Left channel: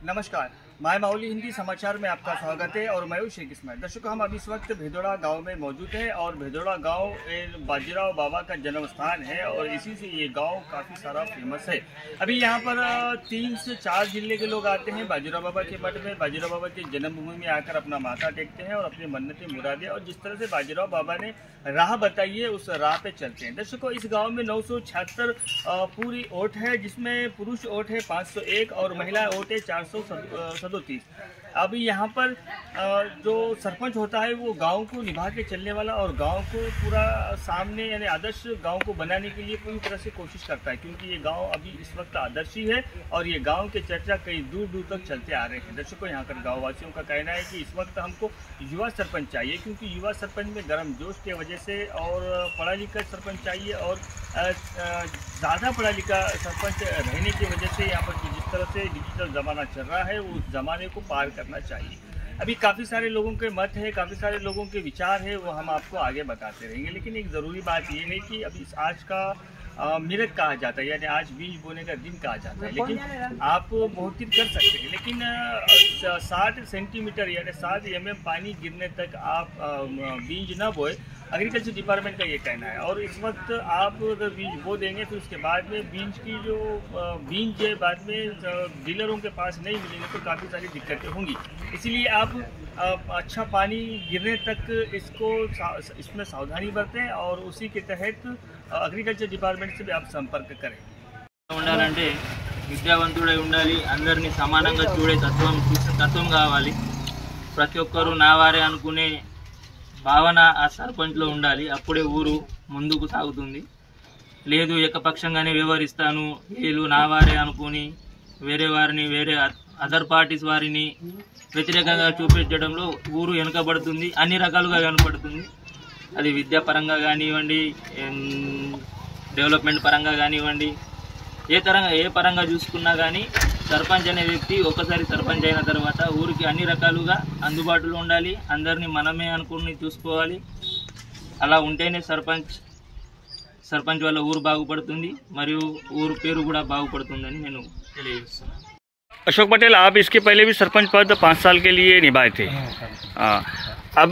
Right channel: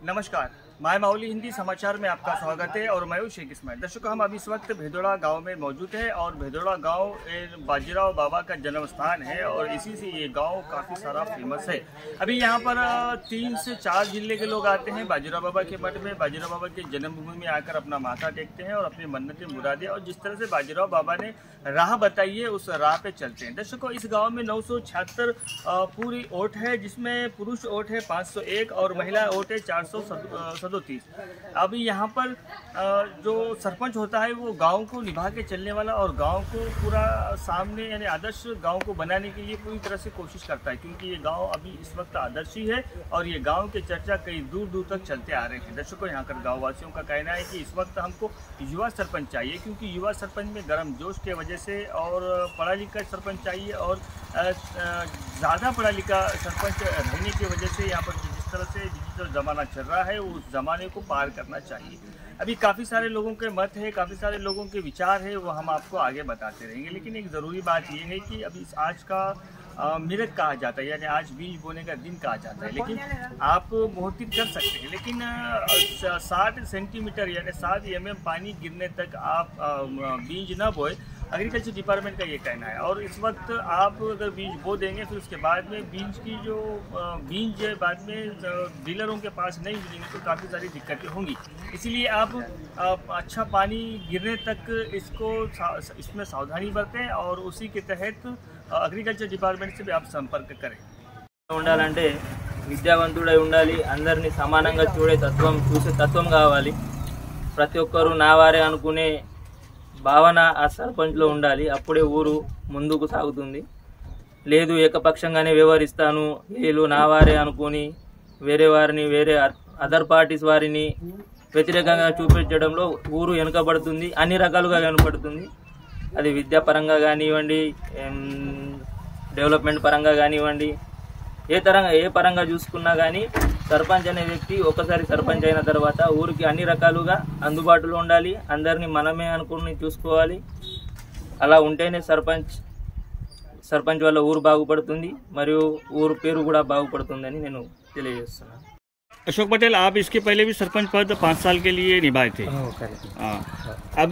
नमस्कार, माय माउली हिंदी समाचार में आपका स्वागत है और मैं हूं शेख इस्माइल। दर्शकों, हम अभी इस वक्त भेदोड़ा गांव में मौजूद हैं और भेदोड़ा गांव बाजीराव बाबा का जन्म स्थान है और इसी से ये गांव काफ़ी सारा फेमस है। अभी यहां पर 3 से 4 जिले के लोग आते हैं बाजीराव बाबा के मठ में, बाजीराव बाबा की जन्मभूमि में आकर अपना माथा टेकते हैं और अपनी मन्नतें मुरादें और जिस तरह से बाजीराव बाबा ने राह बताई है उस राह पे चलते हैं। दर्शकों, इस गाँव में 976 पूरी वोट है, जिसमें पुरुष वोट है 501 और महिला वोट है 437। अभी यहाँ पर जो सरपंच होता है वो गांव को निभा के चलने वाला और गांव को पूरा सामने यानी आदर्श गांव को बनाने के लिए पूरी तरह से कोशिश करता है, क्योंकि ये गांव अभी इस वक्त आदर्श ही है और ये गांव के चर्चा कई दूर दूर तक चलते आ रहे हैं। दर्शकों, यहाँ कर गाँव वासियों का कहना है कि इस वक्त हमको युवा सरपंच चाहिए, क्योंकि युवा सरपंच में गर्म जोश के वजह से और पढ़ा लिखा सरपंच चाहिए और ज़्यादा पढ़ा लिखा सरपंच रहने की वजह से यहाँ पर जिस तरह से डिजिटल ज़माना चल रहा है उस ज़माने को पार करना चाहिए। अभी काफ़ी सारे लोगों के मत है, काफ़ी सारे लोगों के विचार है, वो हम आपको आगे बताते रहेंगे। लेकिन एक ज़रूरी बात ये है कि अभी आज का मिरक कहा जाता है, यानी आज बीज बोने का दिन कहा जाता है, लेकिन आप बहुत कर सकते हैं, लेकिन 60 सेंटीमीटर यानी 7 mm पानी गिरने तक आप बीज ना बोए, एग्रीकल्चर डिपार्टमेंट का ये कहना है। और इस वक्त आप अगर बीज बो देंगे फिर उसके बाद में बीज की जो बीज है बाद में डीलरों के पास नहीं मिलेंगे तो काफ़ी सारी दिक्कतें होंगी। इसीलिए आप अच्छा पानी गिरने तक इसमें सावधानी बरतें और उसी के तहत एग्रीकल्चर डिपार्टमेंट से भी आप संपर्क करें। ఉండాలంటే విద్యావంతుడై ఉండాలి, అందరినీ సమానంగా చూసే తత్వం కావాలి, ప్రతి ఒక్కరూ నా వారే అనుకునే భావన ఆ సర్పంచ్లో ఉండాలి. అప్పుడే ఊరు ముందుకు సాగుతుంది. లేదు ఏకపక్షంగానే వ్యవహరిస్తాను, వీళ్ళు నా వారే అనుకుని వేరే వారిని అదర్ పార్టీస్ వారిని వ్యతిరేకంగా చూపించడంలో ఊరు వెనుకబడుతుంది, అన్ని రకాలుగా కనపడుతుంది. అది విద్యాపరంగా కానివ్వండి, డెవలప్మెంట్ పరంగా కానివ్వండి, ఏ పరంగా చూసుకున్నా కానీ సర్పంచ్ అనే వ్యక్తి ఒకసారి సర్పంచ్ అయిన తర్వాత ఊరికి అన్ని రకాలుగా అందుబాటులో ఉండాలి, అందరినీ మనమే అనుకుని చూసుకోవాలి. అలా ఉంటేనే సర్పంచ్ వల్ల ఊరు బాగుపడుతుంది మరియు ఊరు పేరు కూడా బాగుపడుతుందని నేను తెలియజేస్తున్నాను। अशोक पटेल, आप इसके पहले भी सरपंच पद 5 साल के लिए निभाए थे। अब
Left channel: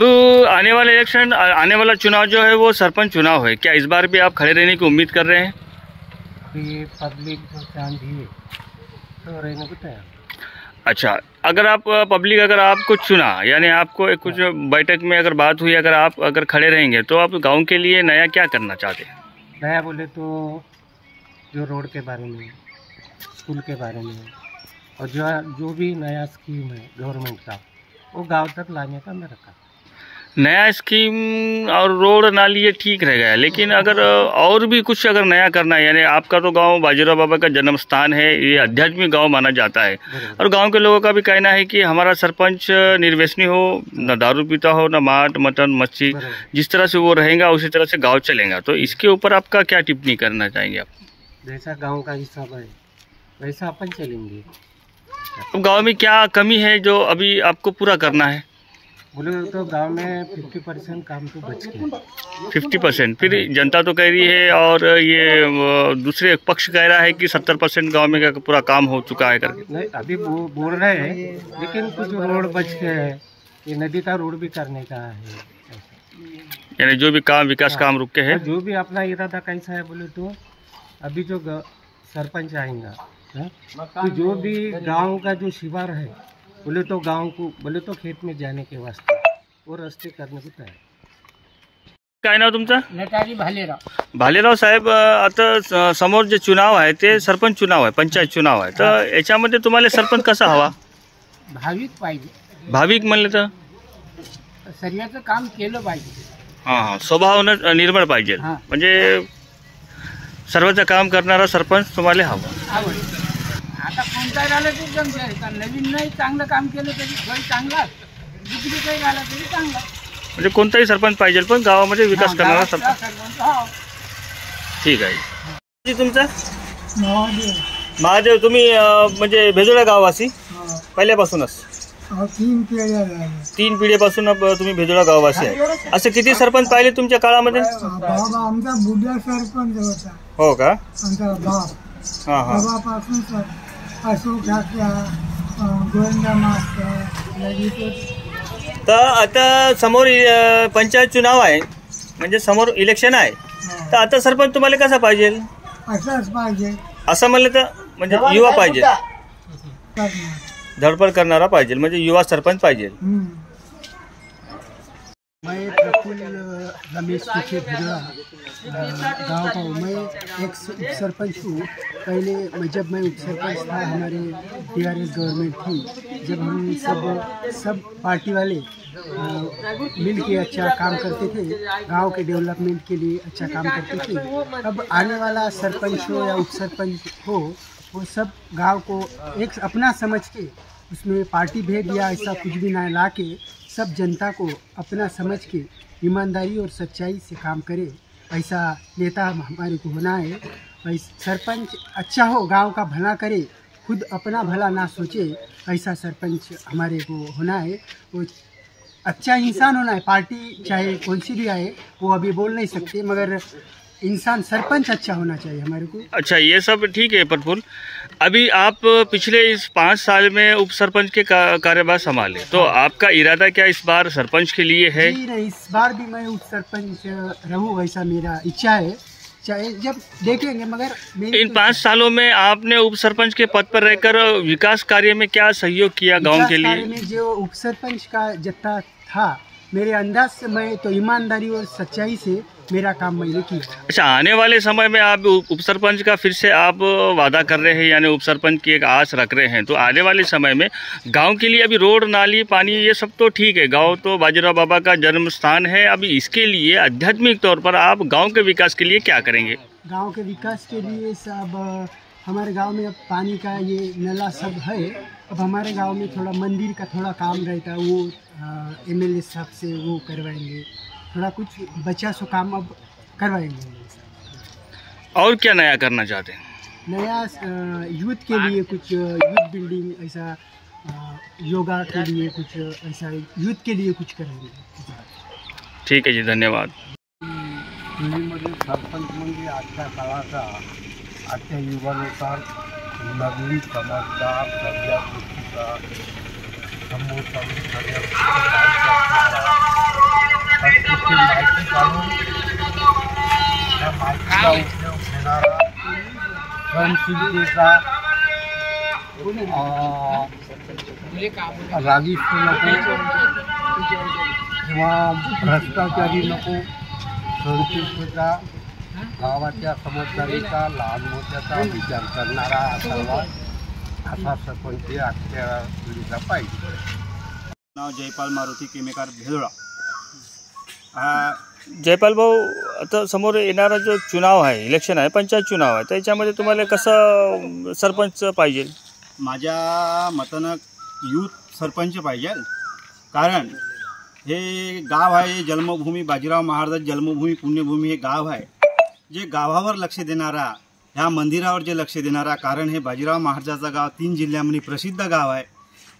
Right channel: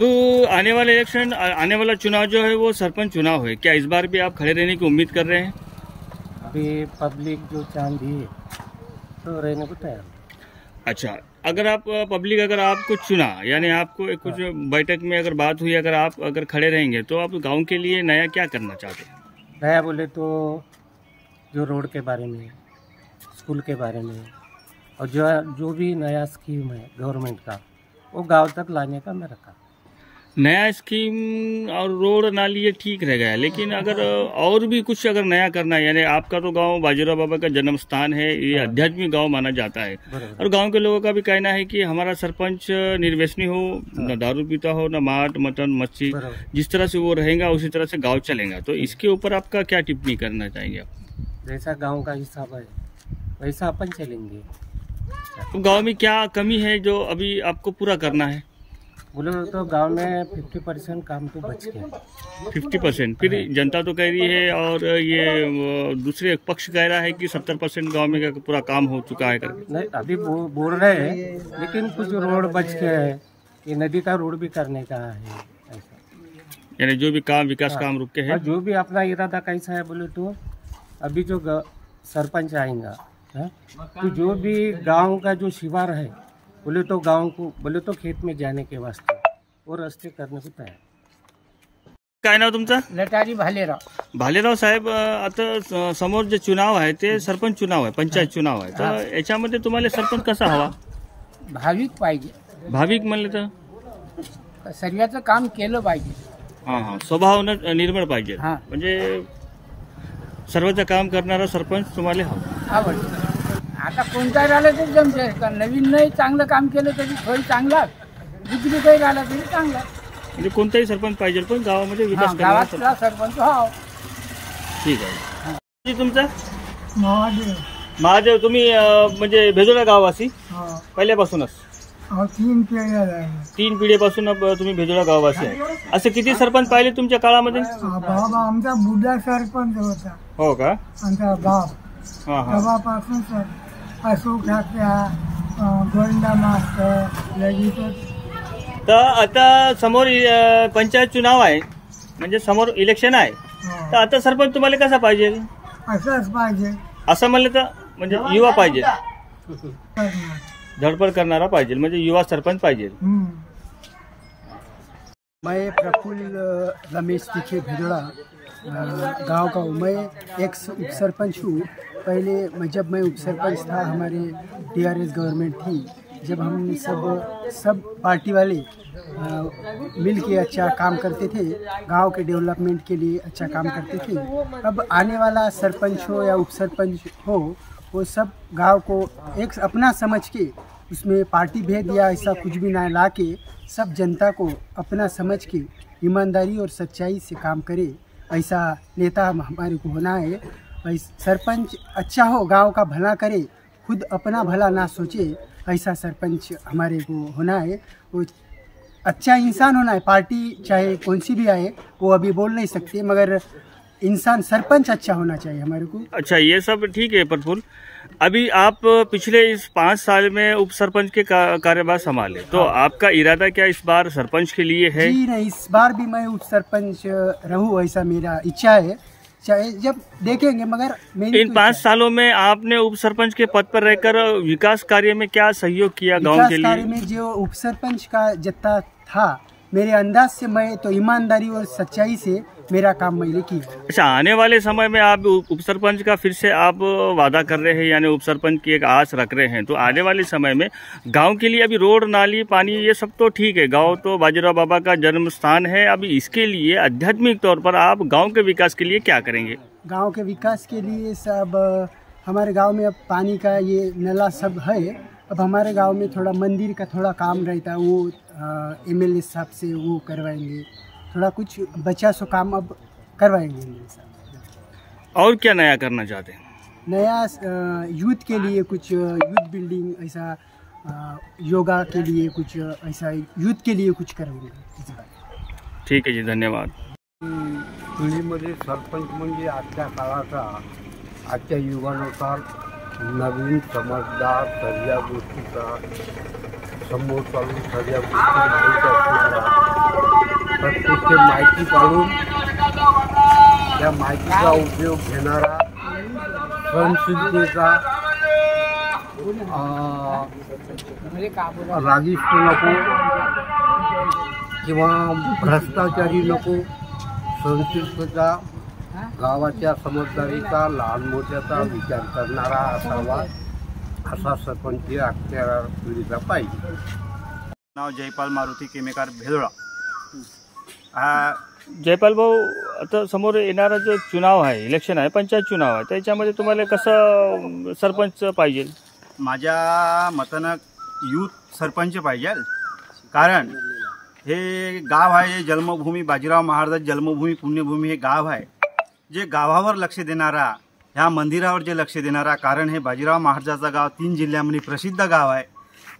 आने वाला इलेक्शन, आने वाला चुनाव जो है वो सरपंच चुनाव है, क्या इस बार भी आप खड़े रहने की उम्मीद कर रहे हैं? अभी पब्लिक जो चांद दी है तो रहने को तैयार। अच्छा, अगर आपको चुना, यानी आपको कुछ बैठक में अगर बात हुई, अगर खड़े रहेंगे तो आप गांव के लिए नया क्या करना चाहते हैं? नया बोले तो जो रोड के बारे में, स्कूल के बारे में और जो भी नया स्कीम है गवर्नमेंट का वो गांव तक लाने का मेरा काम। नया स्कीम और रोड नाली ये ठीक रह गया, लेकिन अगर और भी कुछ अगर नया करना है, यानी आपका तो गांव बाजीराव बाबा का जन्म स्थान है, ये आध्यात्मिक गांव माना जाता है और गांव के लोगों का भी कहना है कि हमारा सरपंच निर्व्यसनी हो, न दारू पीता हो, न मांस मटन मच्छी, जिस तरह से वो रहेगा उसी तरह से गाँव चलेगा। तो इसके ऊपर आपका क्या टिप्पणी करना चाहेंगे आप? जैसा गाँव का हिसाब है वैसा अपन चलेंगे। अब गाँव में क्या कमी है जो अभी आपको पूरा करना है? बोले तो गांव में 50% काम तो बच गया। 50%? फिर जनता तो कह रही है और ये दूसरे पक्ष कह रहा है कि 70% गांव में पूरा काम हो चुका है करके। नहीं, अभी बोल रहे हैं, लेकिन कुछ रोड बच गए हैं, ये नदी का रोड भी करने का है ऐसा। यानी जो भी काम विकास काम रुके हैं, जो भी अपना इरादा कैसा है बोले तो अभी जो सरपंच आएगा तो जो भी गांव का जो शिवार है बोले तो गांव को बोले तो खेत में जाने के वास्ते वो रस्ते करने को तयार। काय नाव तुमचं? नेताजी भालेराव साहेब, आता समोर जे चुनाव आहे ते सरपंच चुनाव आहे, पंचायत चुनाव आहे, तर याच्यामध्ये तुम्हाला सरपंच कसा हवा? भाविक पाहिजे। भाविक म्हणले तर सर्वांचं काम केलं पाहिजे। हां, स्वभाव निर्मळ पाहिजे, म्हणजे सर्वचं काम करणारा सरपंच तुम्हाला हवा। आता कोणता राहिला तो जमते का, नवीन नाही चांगलं काम केलं तरी काही चांगला, दुसरी काही राहिला तरी चांगला, म्हणजे कोणताही सरपंच पाहिजे पण गावामध्ये विकास करणारा सरपंच हा। ठीक आहे। तुमचा महादेव, तुम्ही म्हणजे भेदोडा गाववासी पहिल्यापासूनच? 3 पिढीपासून तुम्ही भेदोडा गाववासी आहे। असं किती सरपंच पाहिले तुमच्या काळामध्ये? आमचा बुद्धा सरपंच होता। हो का? आमचा बाप बाबापासून अशोक ठाकरे गोंडा मास्टर लगेच तर आता समोर पंचायत चुनाव आहे, म्हणजे समोर इलेक्शन आहे, तर आता सरपंच तुम्हाला कसा पाहिजे? असंच पाहिजे. असं म्हणलं तर म्हणजे युवा पाहिजे, करणार. धडपड करणारा पाहिजे, म्हणजे युवा सरपंच पाहिजे. मैं प्रफुल्ल रमेश तिखे भिड़ोड़ा गांव का हूँ. मैं एक उप सरपंच हूँ. पहले जब मैं उप सरपंच था, हमारी टीआरएस गवर्नमेंट थी, जब हम सब पार्टी वाले मिल के अच्छा काम करते थे, गांव के डेवलपमेंट के लिए अच्छा काम करते थे. अब आने वाला सरपंच हो या उप सरपंच हो, वो सब गांव को एक अपना समझ के, उसमें पार्टी भेद या ऐसा कुछ भी ना ला के, सब जनता को अपना समझ के ईमानदारी और सच्चाई से काम करे, ऐसा नेता हमारे को होना है. सरपंच अच्छा हो, गांव का भला करे, खुद अपना भला ना सोचे, ऐसा सरपंच हमारे को होना है. वो अच्छा इंसान होना है. पार्टी चाहे कौन सी भी आए, वो अभी बोल नहीं सकते, मगर इंसान सरपंच अच्छा होना चाहिए हमारे को. अच्छा, ये सब ठीक है प्रफुल्ल. अभी आप पिछले इस 5 साल में उप सरपंच के कार्यभार संभाले, तो आपका इरादा क्या इस बार सरपंच के लिए है? जी नहीं, इस बार भी मैं उप सरपंच रहूं, ऐसा मेरा इच्छा है. चाहे जब देखेंगे, मगर मेरी इन 5 सालों में आपने उप सरपंच के पद पर रहकर विकास कार्य में क्या सहयोग किया गांव के लिए? कार्य में जो उप सरपंच का जत्था था, मेरे अंदाज से मैं तो ईमानदारी और सच्चाई से मेरा काम मैंने किया. अच्छा, आने वाले समय में आप उप सरपंच का फिर से आप वादा कर रहे हैं, यानी उप सरपंच की एक आस रख रहे हैं, तो आने वाले समय में गांव के लिए अभी रोड, नाली, पानी, ये सब तो ठीक है, गांव तो बाजीराव बाबा का जन्म स्थान है. अभी इसके लिए आध्यात्मिक तौर पर आप गांव के विकास के लिए क्या करेंगे? गांव के विकास के लिए सब हमारे गांव में अब पानी का ये नला सब है. अब हमारे गांव में थोड़ा मंदिर का थोड़ा काम रहता है, वो एमएलए साहब से वो करवाएंगे. थोड़ा कुछ बचा सो काम अब करवाएंगे एमएलए साहब. और क्या नया करना चाहते हैं? नया यूथ के लिए कुछ यूथ बिल्डिंग, ऐसा योगा के लिए कुछ, ऐसा यूथ के लिए कुछ करेंगे. ठीक है जी, धन्यवाद. दिल्लीमध्ये सरपंच म्हणजे आजच्या काळाचा, आजच्या युगानुसार नवीन, समजदार, सगळ्या गोष्टीचा समोर चालून सगळ्या गोष्टी माहिती असणारा, प्रत्येक माहिती काढून त्या माहितीचा उपयोग घेणारा, सहनशीलतेचा, रागिष्ट नको किंवा भ्रष्टाचारी नको, सहनशीलतेचा, गावाच्या समजदारीचा, लहान मोठ्याचा विचार करणारा असा सरपंच आजच्या पिढीचा पाहिजे. नाव जयपाल मारुती केमेकार भेदोळा. जयपाल भाऊ, आता समोर येणारा जो चुनाव आहे, इलेक्शन आहे, पंचायत चुनाव आहे, त्याच्यामध्ये तुम्हाला कसं सरपंच पाहिजे? माझ्या मतानं यूथ सरपंच पाहिजे. कारण हे गाव आहे, जन्मभूमी बाजीराव महाराज जन्मभूमी, पुण्यभूमी हे गाव आहे. जे गावावर लक्ष देणारा, ह्या मंदिरावर जे लक्ष देणारा, कारण हे बाजीराव महाराजाचं गाव 3 जिल्ह्यामध्ये प्रसिद्ध गाव आहे.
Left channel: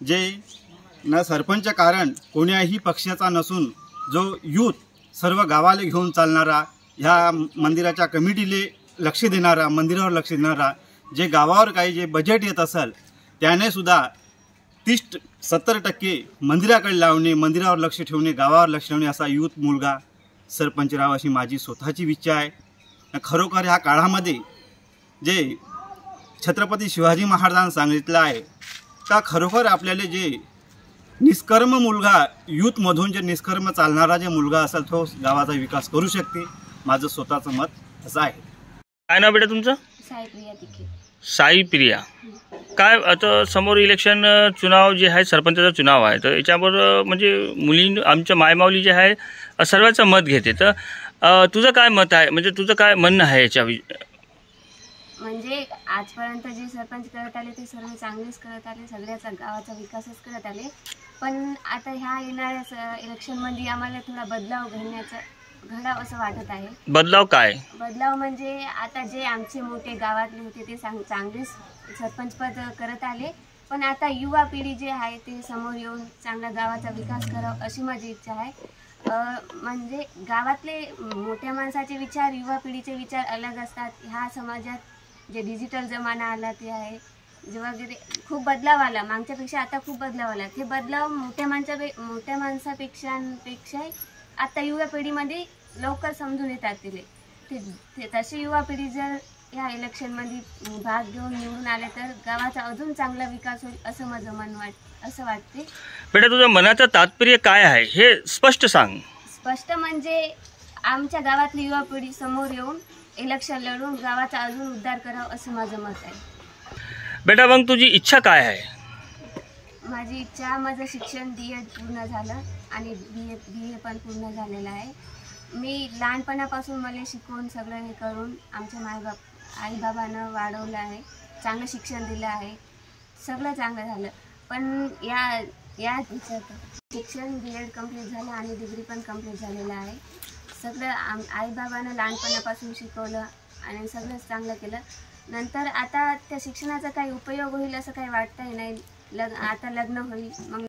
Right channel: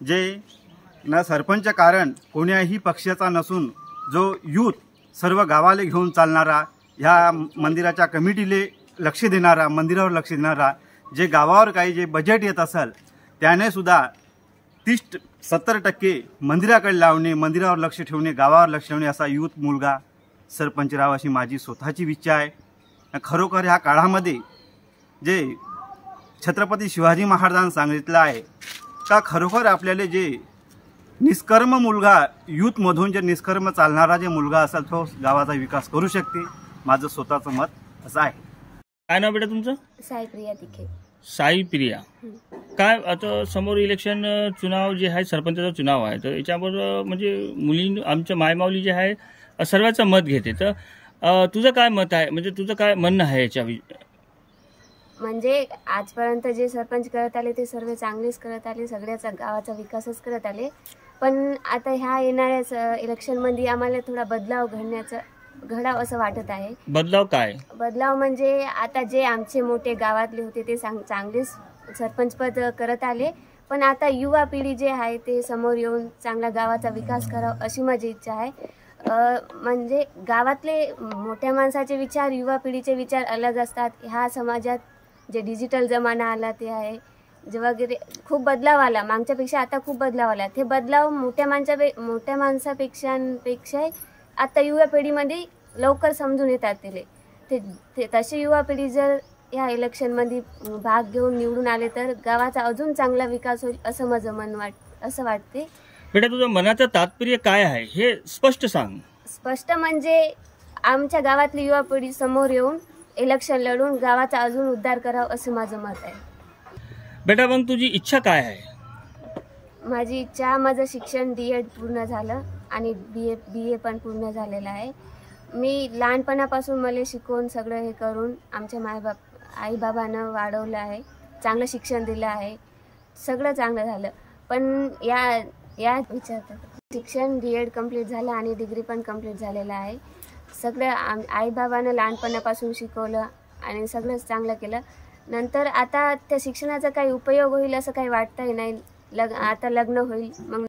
जे न सरपंच कारण कोण्याही पक्षाचा नसून, जो यूथ सर्व गावाला घेऊन चालणारा, ह्या मंदिराच्या कमिटीले लक्ष देणारा, मंदिरावर लक्ष देणारा, जे गावावर काही जे बजेट येत असेल त्याने सुद्धा 30-70% मंदिराकडे लावणे, मंदिरावर लक्ष ठेवणे, गावावर लक्ष ठेवणे, असा यूथ मुलगा सरपंच राहावा अशी माझी स्वतःची इच्छा आहे. खरोखर ह्या काळामध्ये जे छत्रपती शिवाजी महाराजांनी सांगितलं आहे का, खरोखर आपल्याला जे निष्कर्म मुलगा, यूथमधून जे निष्कर्म चालणारा जे मुलगा असेल, तो गावाचा विकास करू शकते. माझं स्वतःचं मत असं आहे. काय नाव बेटा तुमचं? साईप्रिया तिखे. साईप्रिया, काय आता समोर इलेक्शन चुनाव जे आहे, सरपंचाचा चुनाव आहे, तर याच्यावर म्हणजे मुली, आमच्या मायमाऊली जे आहे सर्वांचं मत घेते, तर तुझं काय मत आहे, म्हणजे तुझं काय म्हणणं आहे याच्या? म्हणजे आजपर्यंत जे सरपंच करत आले ते सर्व चांगलेच करत आले, सगळ्याचा गावाचा विकासच करत आले. पण आता ह्या येणाऱ्या इलेक्शनमध्ये आम्हाला थोडा बदलाव घडावं असं वाटत आहे. बदलाव काय? बदलाव म्हणजे आता जे आमचे मोठे गावातले होते ते चांगलेच सरपंचपद करत आले, पण आता युवा पिढी जे आहे ते समोर येऊन चांगला गावाचा विकास करावा अशी माझी इच्छा आहे. म्हणजे गावातले मोठ्या माणसाचे विचार, युवा पिढीचे विचार अलग असतात. ह्या समाजात जे डिजिटल जमाना आला ते आहे, जेव्हा खूप बदलाव आला, मागच्यापेक्षा आता खूप बदलाव आला. ते बदलाव मोठ्या माणसापेक्षा आता युवा पिढीमध्ये लवकर समजून येतात. ते तशी युवा पिढी जर या इलेक्शनमध्ये भाग घेऊन निवडून आले तर गावाचा अजून चांगला विकास होईल असं माझं असं वाटते. बेटा, तुझ्या मनाचं तात्पर्य काय आहे हे स्पष्ट सांग. स्पष्ट म्हणजे आमच्या गावातली युवा पिढी समोर येऊन इलेक्शन लढून गावाचा अजून उद्धार करावा असं माझं मत आहे. बेटा, मग तुझी इच्छा काय आहे? माझी इच्छा, माझं शिक्षण D.Ed पूर्ण झालं आणि BA पण पूर्ण झालेलं आहे. मी लहानपणापासून मला शिकवून सगळं हे करून आमच्या आईबाबांना वाढवलं आहे, चांगलं शिक्षण दिलं आहे, सगळं चांगलं झालं. पण या शिक्षण B.Ed कंप्लीट झालं आणि डिग्री पण कंप्लीट झालेलं आहे. सगळं आईबाबांना लहानपणापासून शिकवलं आणि सगळंच चांगलं केलं. नंतर आता त्या शिक्षणाचा काही उपयोग होईल असं काही वाटतंही नाही. आता लग्न होईल. मग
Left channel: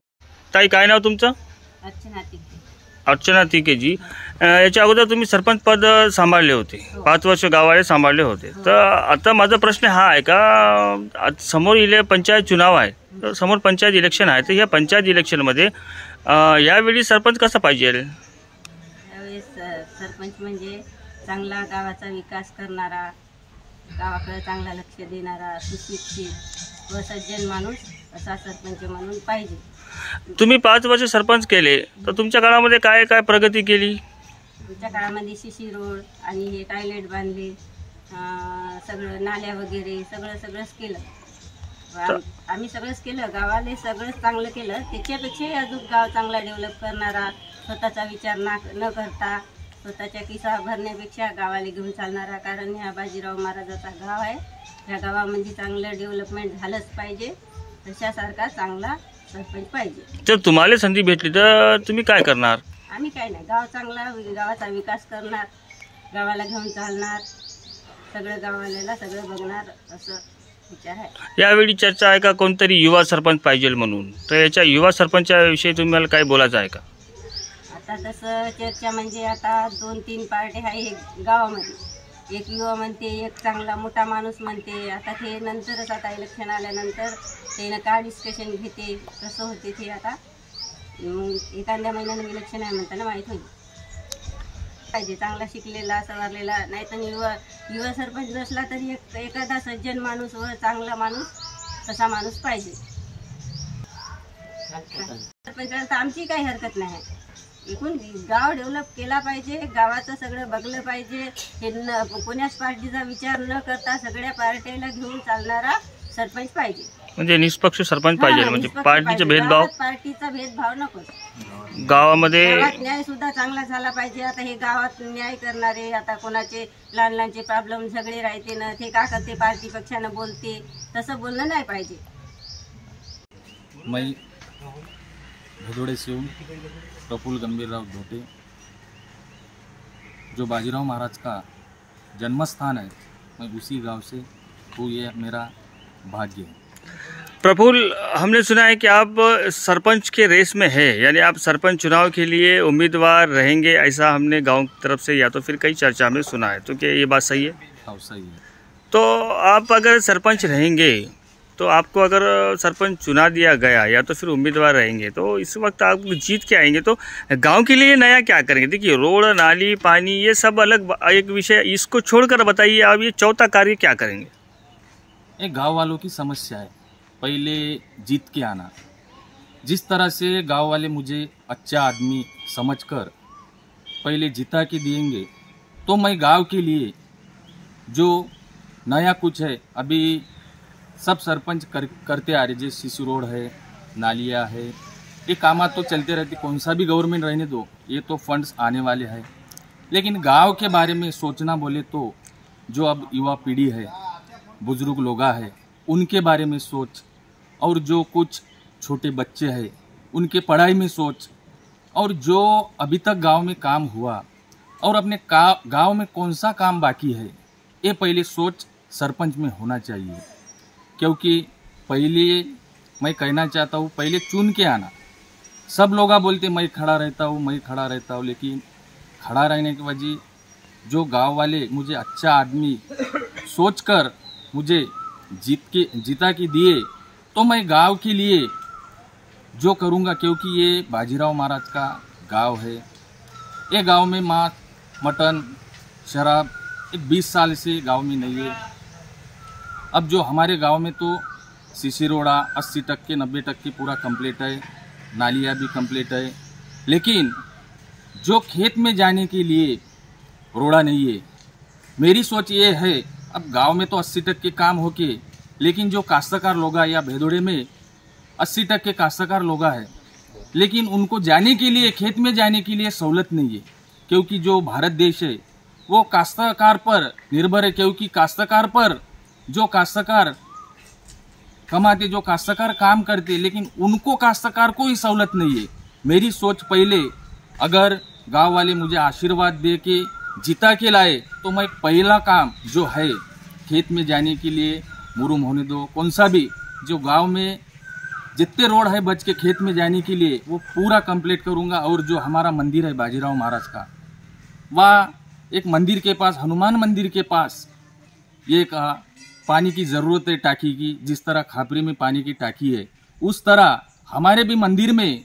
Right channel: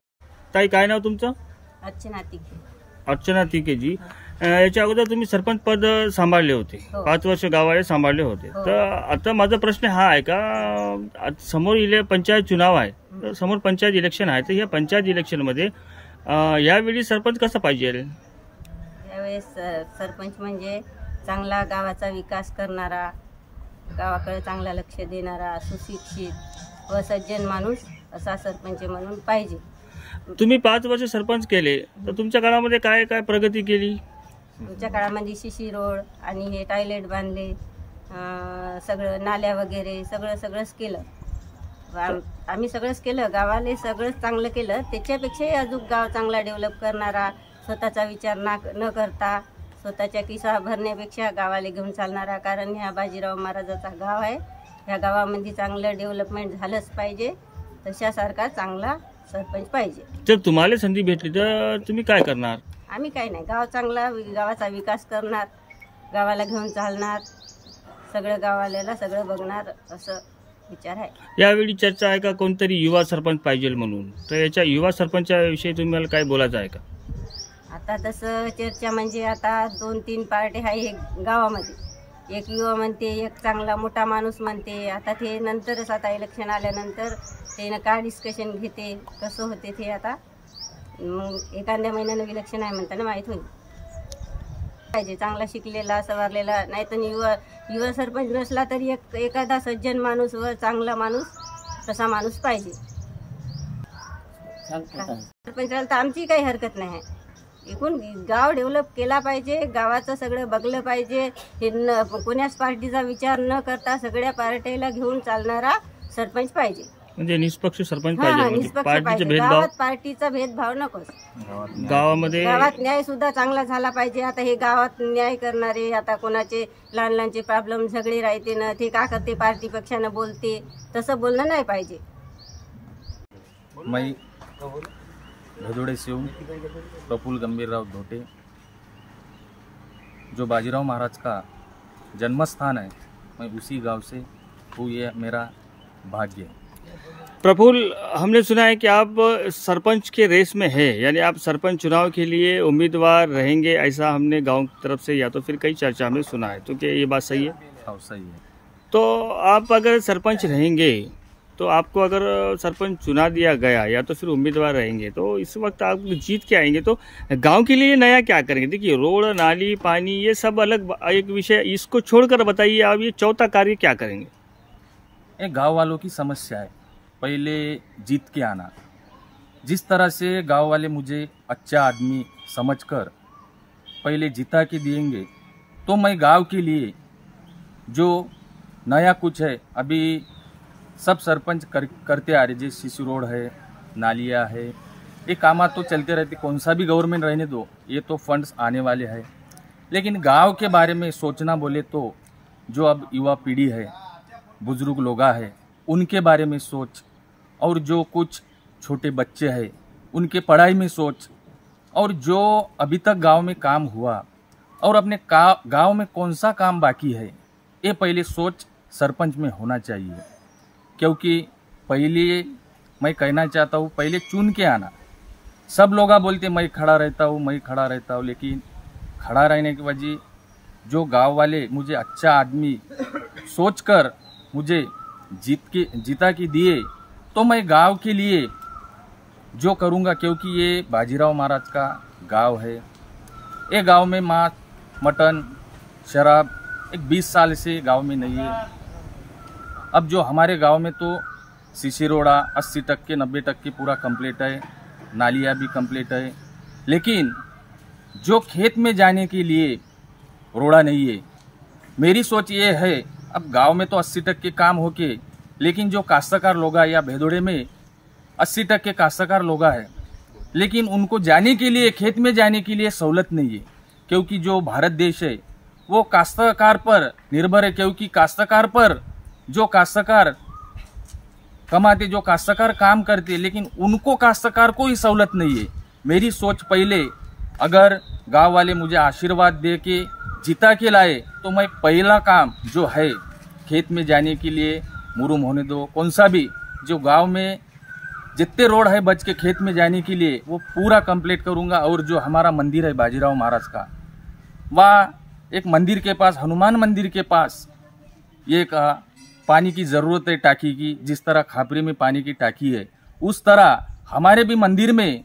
ताई, काय नाव तुमचं? अर्चना तिके जी. याच्या अगोदर तुम्ही सरपंच पद सांभाळले होते, 5 वर्ष गावाले सांभाळले होते. तर आता माझा प्रश्न हा आहे का, समोर पंचायत चुनाव आहे, तर समोर पंचायत इलेक्शन आहे, तर या पंचायत इलेक्शनमध्ये यावेळी सरपंच कसा पाहिजे? यावेळेस सरपंच म्हणजे चांगला गावाचा विकास करणारा, गावाकडे चांगला लक्ष देणारा, सुशिक्षित व सज्जन माणूस असा सरपंच म्हणून पाहिजे. तुम्ही 5 वर्ष सरपंच केले, तर तुमच्या काळामध्ये काय काय प्रगती केली? तुमच्या काळामध्ये शिशी रोड आणि हे टॉयलेट बांधले, सगळं नाल्या वगैरे सगळंच केलं. आम्ही सगळंच केलं, गावाले सगळंच चांगलं केलं. त्याच्यापेक्षाही अजून गाव चांगला डेव्हलप करणारा, स्वतःचा विचार न करता स्वतःच्या खिसा भरण्यापेक्षा गावाला घेऊन चालणारा. कारण ह्या बाजीराव महाराजाचा गाव आहे, ह्या गावामध्ये चांगलं डेव्हलपमेंट झालंच पाहिजे. तशासारखा चांगला सरपंच पाहिजे. जर तुम्हाला संधी भेटली तर तुम्ही काय करणार? आम्ही काय नाही, गावाचा विकास करणार, गावाला घेऊन चालणार, सगळं गावाला सगळं बघणार असं विचार आहे. यावेळी चर्चा आहे का कोणतरी युवा सरपंच पाहिजे म्हणून, तर याच्या युवा सरपंचाविषयी तुम्हाला काय बोलायचं आहे का? आता तसं चर्चा म्हणजे आता 2-3 पार्टी आहे हे गावामध्ये. एक युवा म्हणते, एक चांगला मोठा माणूस म्हणते. आता ते नंतरच, आता इलेक्शन आल्यानंतर ते का डिस्कशन घेते, कसं होते ते आता मग एखाद्या महिन्यानं इलेक्शन आहे म्हणताना माहीत होईल. पाहिजे चांगला शिकलेला सवारलेला, नाही तर युवा सरपंच नसला तरी एखादा सज्जन माणूस व चांगला माणूस तसा माणूस पाहिजे. सरपंच तर आमची काही हरकत नाही. एकूण गाव डेव्हलप केला पाहिजे, गावाचं सगळं बघलं पाहिजे. हे कोण्याच पार्टीचा विचार न करता सगळ्या पार्टीला घेऊन चालणारा सरपंच पाहिजे. म्हणजे निष्पक्ष सरपंच पाहिजे, म्हणजे पार्टीचा भेदभाव नको. गावामध्ये गावात न्याय सुद्धा चांगला झाला पाहिजे. आता हे गावात न्याय करणारे, आता कोणाचे लहानचे प्रॉब्लेम झगडे राहते ना, ते का करते पार्टी पक्षानं बोलते, तसं बोलणं नाही पाहिजे. मैं भदोड़े से हूँ, प्रफुल्ल गंभीरराव धोटे, जो बाजीराव महाराज का जन्म स्थान है, मैं उसी गांव से हूँ. ये मेरा भाग्य है. प्रफुल्ल, हमने सुना है कि आप सरपंच के रेस में है, यानी आप सरपंच चुनाव के लिए उम्मीदवार रहेंगे, ऐसा हमने गांव की तरफ से या तो फिर कई चर्चा में सुना है. तो क्या ये बात सही है? हाँ, सही है. तो आप अगर सरपंच रहेंगे, तो आपको अगर सरपंच चुना दिया गया या तो फिर उम्मीदवार रहेंगे, तो इस वक्त आप जीत के आएंगे तो गांव के लिए नया क्या करेंगे? देखिए, रोड, नाली, पानी, ये सब अलग एक विषय, इसको छोड़कर बताइए आप ये चौथा कार्य क्या करेंगे? एक गांव वालों की समस्या है, पहले जीत के आना. जिस तरह से गांव वाले मुझे अच्छा आदमी समझकर पहले जिता के देंगे, तो मैं गांव के लिए जो नया कुछ है, अभी सब सरपंच करते आ रहे, जैसे सीसी रोड है, नालियाँ है, ये काम तो चलते रहते. कौन सा भी गवर्नमेंट रहने दो, ये तो फंड्स आने वाले हैं. लेकिन गांव के बारे में सोचना बोले तो जो अब युवा पीढ़ी है, बुजुर्ग लोग है, उनके बारे में सोच, और जो कुछ छोटे बच्चे हैं उनके पढ़ाई में सोच, और जो अभी तक गांव में काम हुआ और अपने गांव में कौन सा काम बाकी है, ये पहले सोच सरपंच में होना चाहिए. क्योंकि पहले मैं कहना चाहता हूँ, पहले चुन के आना. सब लोग बोलते मैं खड़ा रहता हूँ, लेकिन खड़ा रहने की वजह जो गांव वाले मुझे अच्छा आदमी सोचकर मुझे जीता के दिए तो मैं गांव के लिए जो करूंगा, क्योंकि ये बाजीराव महाराज का गांव है। ये गांव में मांस, मटन, शराब एक 20 साल से गांव में नहीं है। अब जो हमारे गांव में तो सीसी रोड़ा 80% 90% पूरा कंप्लीट है, नालियाँ भी कंप्लीट है, लेकिन जो खेत में जाने के लिए रोड़ा नहीं है। मेरी सोच ये है, अब गांव में तो 80% काम होके, लेकिन जो काश्तकार लोग या भेदोड़े में 80% काश्तकार लोग है, लेकिन उनको जाने के लिए, खेत में जाने के लिए सहूलत नहीं है, क्योंकि जो भारत देश है वो काश्तकार पर निर्भर है। क्योंकि काश्तकार पर जो काश्तकार कमाते, जो काश्तकार काम करते, लेकिन उनको काश्तकार को ही सहूलत नहीं है। मेरी सोच पहले, अगर गांव वाले मुझे आशीर्वाद दे के जिता के लाए तो मैं पहला काम जो है खेत में जाने के लिए, मुरुम होने दो, कौन सा भी जो गांव में जितने रोड है बच के खेत में जाने के लिए वो पूरा कंप्लीट करूंगा। और जो हमारा मंदिर है बाजीराव महाराज का, वह एक मंदिर के पास, हनुमान मंदिर के पास ये कहा पानी की ज़रूरत है टाकी की। जिस तरह खापरी में पानी की टाकी है, उस तरह हमारे भी मंदिर में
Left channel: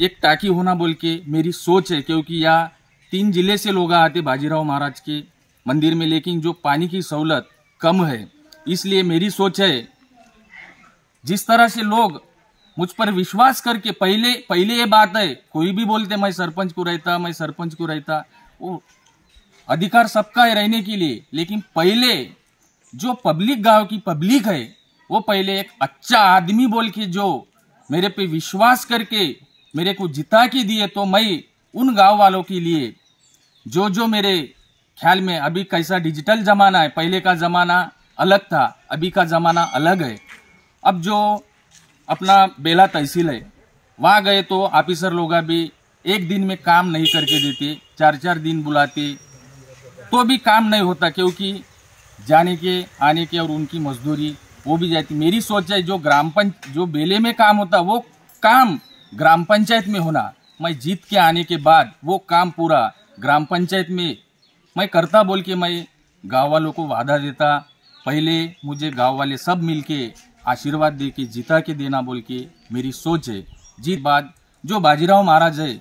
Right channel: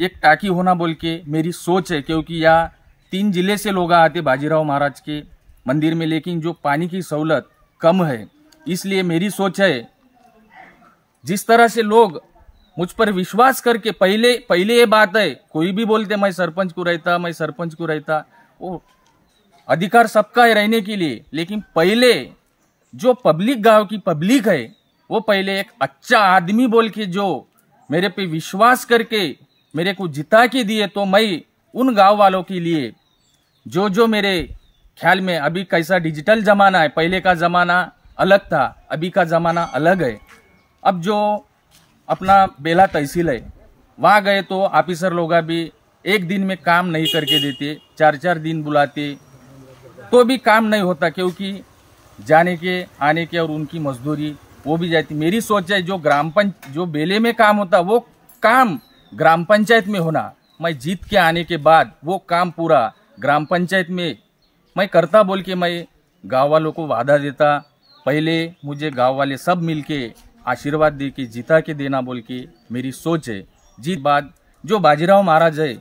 एक टाकी होना बोल के मेरी सोच है। क्योंकि यहाँ 3 जिले से लोग आते बाजीराव महाराज के मंदिर में, लेकिन जो पानी की सहूलत कम है, इसलिए मेरी सोच है जिस तरह से लोग मुझ पर विश्वास करके, पहले ये बात है, कोई भी बोलते मैं सरपंच को रहता, वो अधिकार सबका है रहने के लिए, लेकिन पहले जो पब्लिक, गांव की पब्लिक है, वो पहले एक अच्छा आदमी बोल के जो मेरे पे विश्वास करके मेरे को जिता के दिए, तो मैं उन गांव वालों के लिए जो मेरे ख्याल में, अभी कैसा डिजिटल जमाना है, पहले का जमाना अलग था, अभी का जमाना अलग है। अब जो अपना बेला तहसील है, वहाँ गए तो ऑफिसर लोग भी एक दिन में काम नहीं करके देते, 4-4 दिन बुलाते तो भी काम नहीं होता, क्योंकि जाने के आने के और उनकी मजदूरी वो भी जाती। मेरी सोच है जो बेले में काम होता वो काम ग्राम पंचायत में होना। मैं जीत के आने के बाद वो काम पूरा ग्राम पंचायत में मैं करता बोल के मैं गाँव वालों को वादा देता। पहले मुझे गाँव वाले सब मिलके आशीर्वाद दे के जिता के देना बोल के मेरी सोच है। जीत बाद जो बाजीराव महाराज है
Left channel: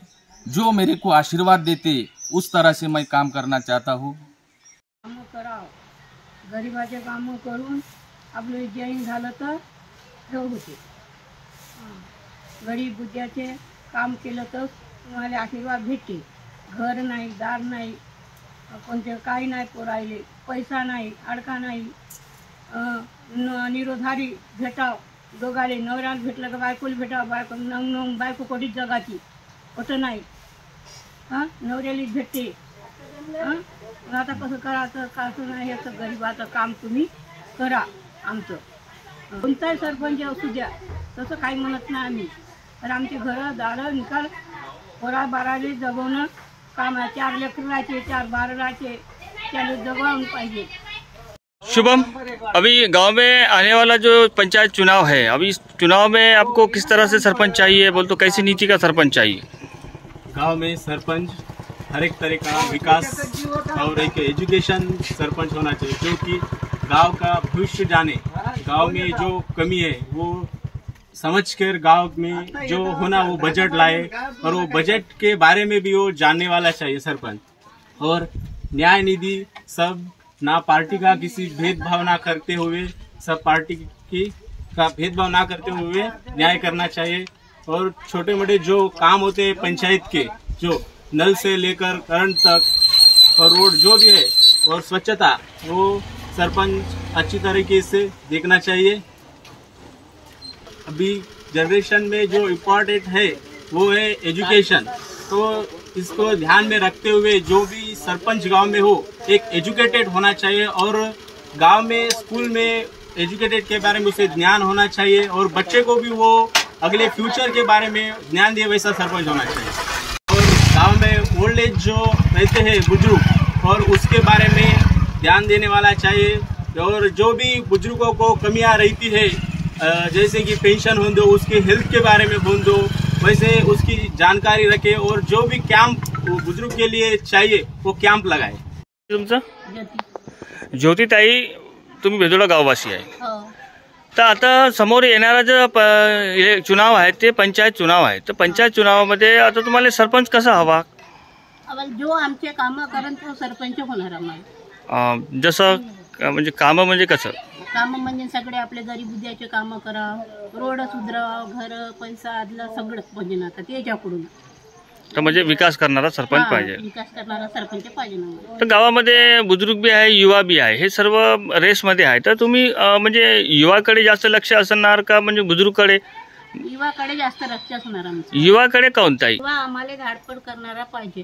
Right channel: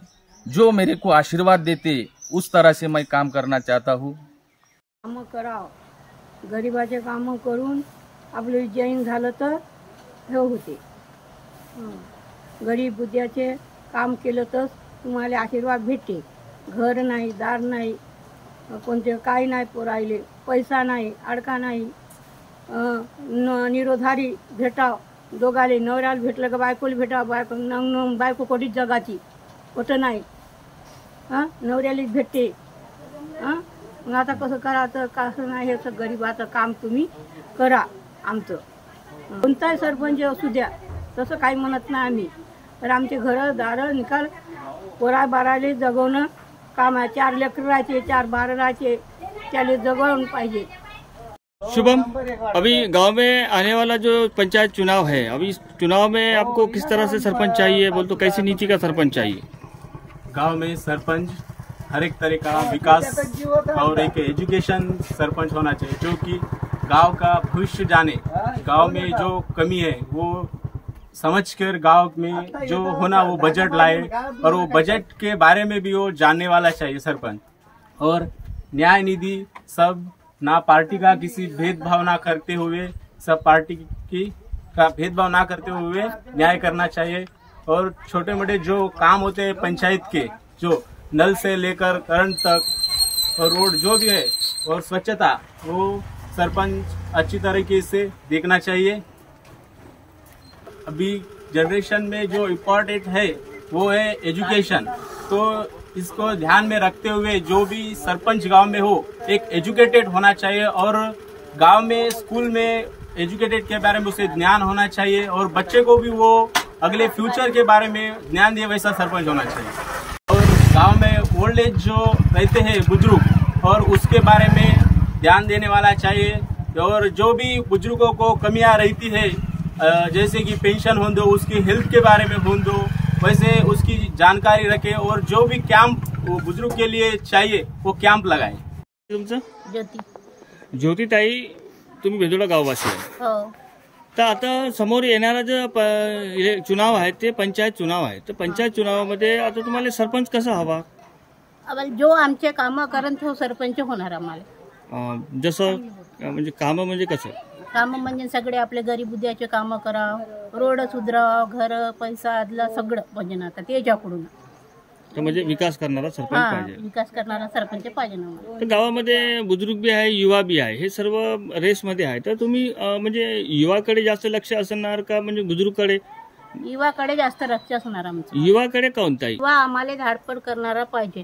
जो मेरे को आशीर्वाद देते उस तरह से मैं काम करना चाहता हूँ। कामं करावं, गरिबाचे कामं करून आपलं जैन झालं तर हे होते। गरीब बुद्ध्याचे काम केलं तर तुम्हाला आशीर्वाद भेटते। घर नाही, दार नाही, कोणते काही नाही पोरायले, पैसा नाही, अडका नाही, निरोधारी भेटाव, दोघाले नवऱ्याला भेटलं का बायकोला भेटाव, बायको कोटीच जगाची कुठं नाही, नवऱ्यालाच भेटते। मग आता कसं करायचं, कसं नाही, हे तर गरिबाचं काम तुम्ही करा। आमचं कोणताही सरपंच असू द्या, तसं काही म्हणत नाही आम्ही, तर आमचे घरं दारं निकाल पोरा बाराले जगवणं काम आहे। 4 लेकरं राहायचे, 4 बारं राहायचे, त्याला जगवून पाहिजे। शुभम, अभी गांव में आने वाला जो पंचायत चुनाव है, अभी इस चुनाव में आपको किस तरह से सरपंच चाहिए, बोल तो कैसी नीति का सरपंच चाहिए? गांव में सरपंच हर एक तरह का विकास और एक एजुकेशन सरपंच होना चाहिए, क्योंकि गांव का भविष्य जाने, गांव में जो कमी है वो समझकर गांव में जो होना वो बजट लाए, और वो बजट के बारे में भी वो जानने वाला चाहिए सरपंच। और न्याय निधि सब ना पार्टी का किसी भेदभाव ना करते हुए, सब पार्टी की का भेदभाव ना करते हुए न्याय करना चाहिए। और छोटे मोटे जो काम होते हैं पंचायत के, जो नल से लेकर करंट तक और रोड जो भी है और स्वच्छता, वो सरपंच अच्छी तरीके से देखना चाहिए। अभी जनरेशन में जो इम्पोर्टेंट है वो है एजुकेशन, तो इसको ध्यान में रखते हुए जो भी सरपंच गांव में हो एक एजुकेटेड होना चाहिए, और गांव में स्कूल में एजुकेटेड के बारे में उसे ज्ञान होना चाहिए, और बच्चे को भी वो अगले फ्यूचर के बारे में ज्ञान दिए वैसा सरपंच होना चाहिए। और गांव में ओल्ड एज जो रहते हैं बुजुर्ग, और उसके बारे में ध्यान देने वाला चाहिए। और जो भी बुजुर्गों को कमियां रहती है, जैसे कि पेंशन हो दो, उसके हेल्थ के बारे में हो दो, वैसे उसकी जानकारी रखे, और जो भी कैंप बुजुर्ग के लिए चाहिए वो कैंप लगाए। तुमचं? ज्योतिताई, तुम्ही भेदोडा गाववासी आहे. हो. तर आता समोर येणारा जो चुनाव आहे ते पंचायत चुनाव आहे. तर पंचायत चुनावामध्ये आता तुम्हाला सरपंच कसा हवा? आम्हाला जो आमचे कामं करेन तो सरपंच होणार आम्हाला. जसं म्हणजे कामं म्हणजे कसं? कामं म्हणजे सगळे आपले गरीबुद्याचे कामं करा, रोड सुधराव, घर पैसा आदला सगळं म्हणजे ना आता त्याच्याकडून. तर म्हणजे विकास करणारा सरपंच पाहिजे. विकास करणारा सरपंच पाहिजे ना. तर गावामध्ये बुजुर्ग बी आहे, युवा बी आहे, हे सर्व रेसमध्ये आहे. तर तुम्ही म्हणजे युवाकडे जास्त लक्ष असणार का म्हणजे बुजुर्गकडे? युवाकडे जास्त लक्ष असणार आमचं. युवाकडे काऊन ताई? युवा आम्हाला धाडपड करणारा पाहिजे,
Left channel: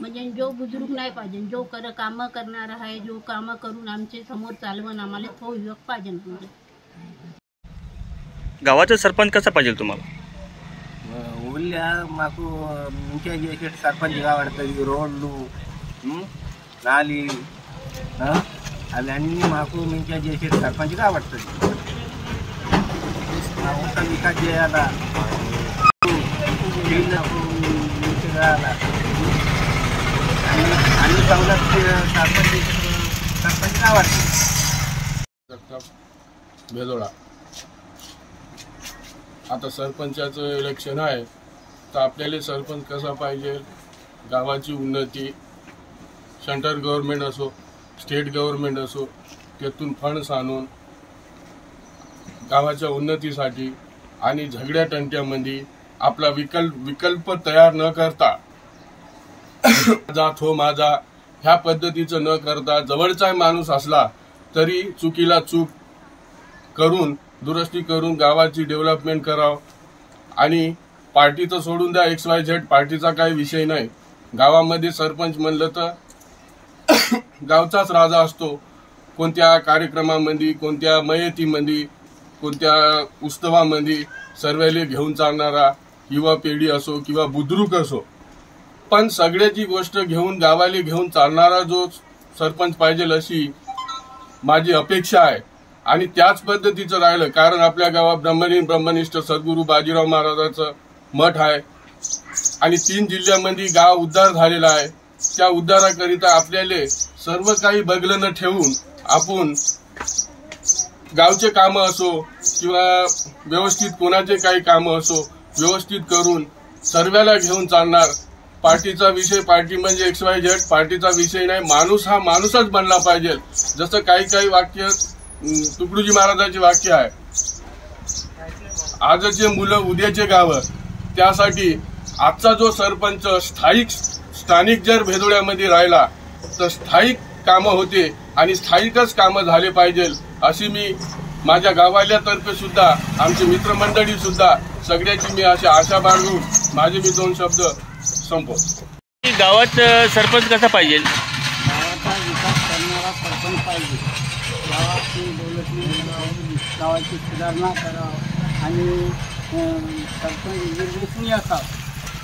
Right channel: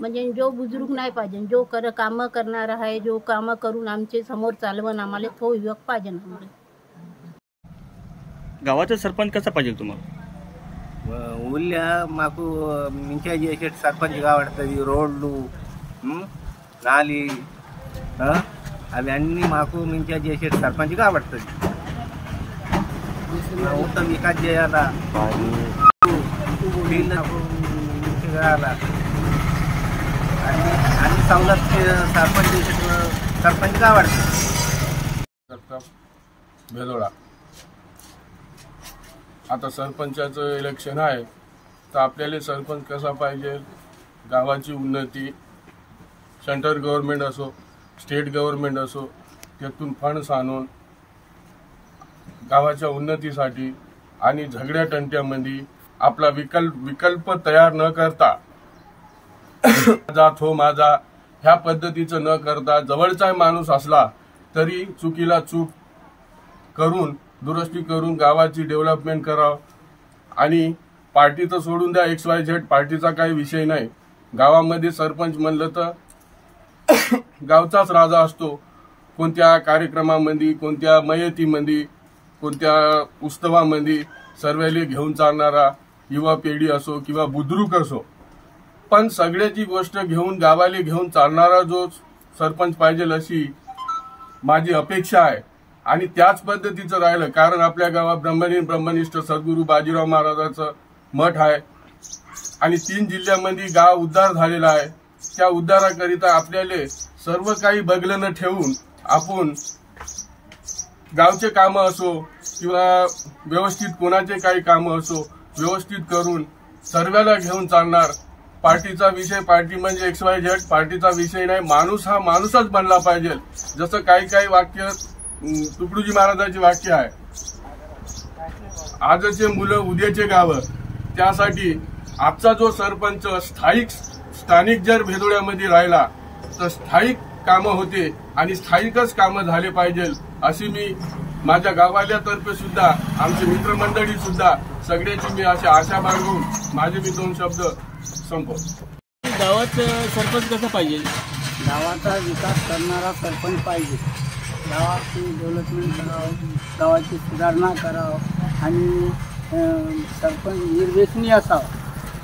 म्हणजे जो बुजुर्ग नाही पाहिजे, जो कामं करणारा आहे, जो कामं करून आमचे समोर चालवण आम्हाला तो युवक पाहिजे आम्हाला. गावाचा सरपंच कसा पाहिजे तुम्हाला? ఊళ్ళో మాకు మంచిగా చేసే సర్పంచ్ కాబడుతుంది. రోడ్లు లాలి అవన్నీ మాకు మంచిగా చేసే సర్పంచ్ కాబడుతుంది. మా ఊళ్ళో వికాస్ చేయాలా, నాకు మంచిగా అన్ని సంఘటన సర్పంచ్ కాబడుతుంది. भेदोडा आता सरपंचाचं इलेक्शन आहे, तर आपल्याला सरपंच कसा पाहिजे? गावाची उन्नती, सेंट्रल गव्हर्नमेंट असो, स्टेट गव्हर्नमेंट असो, त्यातून फंड्स आणून गावाच्या उन्नतीसाठी आणि झगड्या तंट्यामध्ये आपला विकल्प तयार न करता माझा थो माझा ह्या पद्धतीचं न करता, जवळचा माणूस असला तरी चुकीला चूक करून दुरुस्ती करून गावाची डेव्हलपमेंट करावं. आणि पार्टीचं सोडून द्या, XYZ पार्टीचा काही विषय नाही. गावामध्ये सरपंच म्हणलं तर गावचाच राजा असतो. कोणत्या कार्यक्रमामध्ये, कोणत्या मयतीमध्ये, कोणत्या उत्सवामध्ये सर्वांना घेऊन चालणारा युवा पिढी असो किंवा बुद्रुक असो, पण सगळ्याची गोष्ट घेऊन गावाला घेऊन चालणारा जो सरपंच पाहिजे अशी माझी अपेक्षा आहे. आणि त्याच पद्धतीचं राहिलं, कारण आपल्या गावात ब्रह्मनिष्ठ सद्गुरू बाजीराव महाराजांचं मठ आहे आणि 3 जिल्ह्यामध्ये गाव उद्धार झालेला आहे. त्या उद्धाराकरिता आपल्याला सर्व काही बगलं न ठेवून आपण गावचे कामं असो किंवा व्यवस्थित कोणाचे काही कामं असो व्यवस्थित करून सर्वाला घेऊन चालणार. पार्टीचा विषय, पार्टी म्हणजे XYZ पार्टीचा विषय नाही. माणूस हा माणूसच बनला पाहिजे. जसं काही वाक्य तुकडोजी महाराजांचे वाक्य आहे, आजचे मुलं उद्याचे गावं. त्यासाठी आजचा जो सरपंच स्थानिक जर भेदोड्यामध्ये राहिला तर स्थायिक कामं होते आणि स्थायिकच कामं झाले पाहिजे अशी मी माझ्या गावाल्यातर्फे सुद्धा, आमची मित्रमंडळी सुद्धा सगळ्याची मी अशी आशा बाळगून माझे मी 2 शब्द संपवतो. गावात सरपंच कसा पाहिजे? गावाचा विकास करणारा सरपंच पाहिजे. गावाची डेव्हलपमेंट करावं, गावाची सुधारणा करावं आणि सरपंच निर्व्यसनी असावं.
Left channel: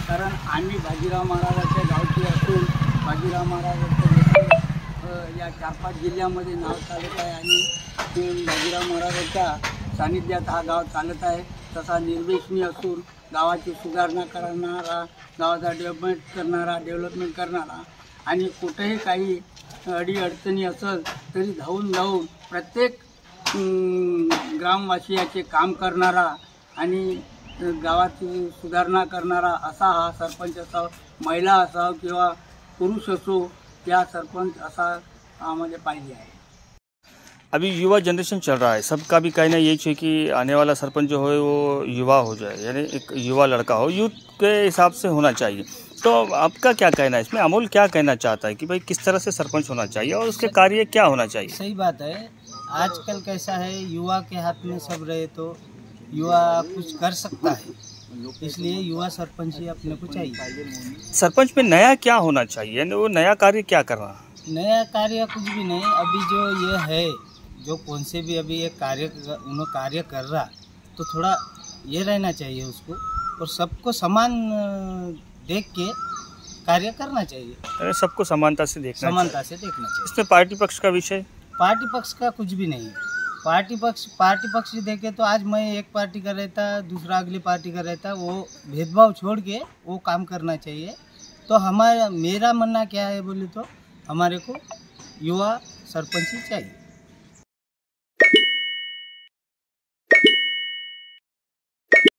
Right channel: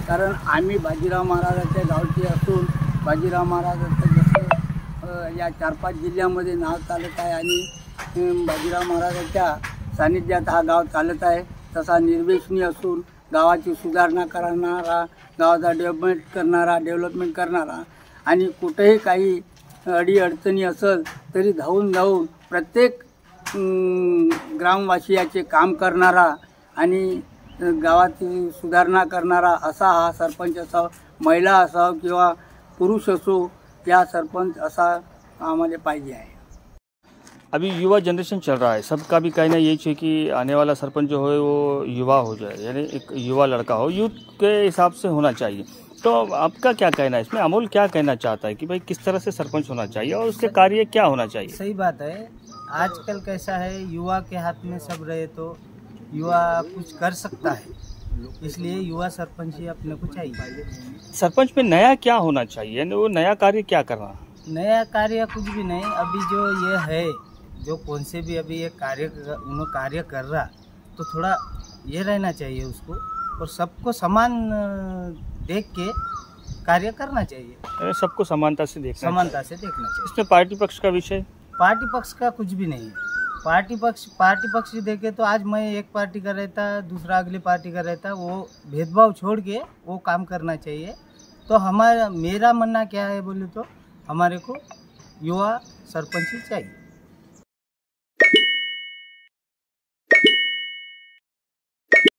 कारण आम्ही बाजीराव महाराजाच्या गावचे असून बाजीराव महाराजांचं जसं या 4-5 जिल्ह्यामध्ये नाव चालत आहे आणि बाजीराव महाराजांच्या सानिध्यात हा गाव चालत आहे, तसा निर्व्यसनी असून गावाची सुधारणा करणारा, गावाचा डेव्हलपमेंट करणारा आणि कुठेही काही अडीअडचणी असेल तरी धावून प्रत्येक ग्रामवासियाचे काम करणारा आणि गावाची सुधारणा करणारा असा हा सरपंच असावा. महिला असावं किंवा पुरुष असो, या सरपंच असा आम्हाला पाहिजे आहे. अभी युवा जनरेशन चल रहा है, सबका भी कहना यही है कि आने वाला सरपंच जो है वो युवा हो जाए, यानी एक युवा लड़का हो, यूथ के हिसाब से होना चाहिए. तो आपका क्या कहना है इसमें? अमोल क्या कहना चाहता है कि भाई किस तरह से सरपंच होना चाहिए और उसके कार्य क्या होना चाहिए? सही बात है. आजकल कैसा है, युवा के हाथ में सब रहे तो युवा कुछ कर सकता है, इसलिए युवा सरपंच ही अपने को चाहिए. सरपंच में नया क्या होना चाहिए, यानी वो नया कार्य क्या करना? नया कार्य कुछ भी नहीं. अभी जो ये है, जो कौन से भी अभी ये कार्य कर रहा, तो थोड़ा ये रहना चाहिए उसको, और सबको समान देख के कार्य करना चाहिए. सबको समानता से देखना चाहिए. इसमें पार्टी पक्ष का विषय? पार्टी पक्ष का कुछ भी नहीं है. पार्टी पक्ष देखे तो आज मैं एक पार्टी का रहता, दूसरा अगली पार्टी का रहता, वो भेदभाव छोड़ के वो काम करना चाहिए. तो मेरा मानना क्या है बोले तो हमारे को युवा सरपंच ही चाहिए.